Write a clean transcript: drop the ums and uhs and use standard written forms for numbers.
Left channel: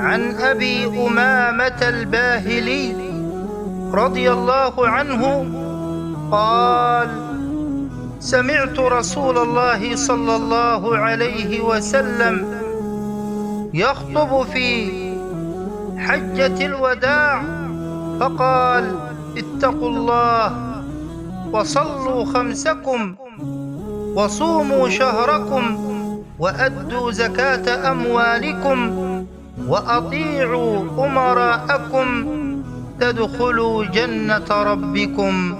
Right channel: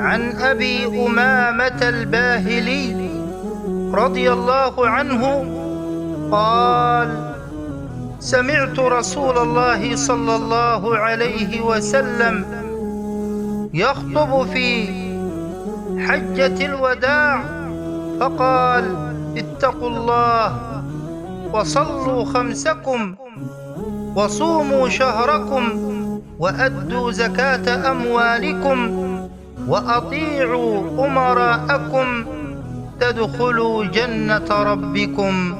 عن أبي أمامة الباهلي رضي الله عنه قال: سمعت رسول الله صلى الله عليه وسلم يخطب في حجة الوداع فقال: اتقوا الله وصلوا خمسكم وصوموا شهركم وأدوا زكاة أموالكم وأطيعوا أمراءكم تدخلوا جنة ربكم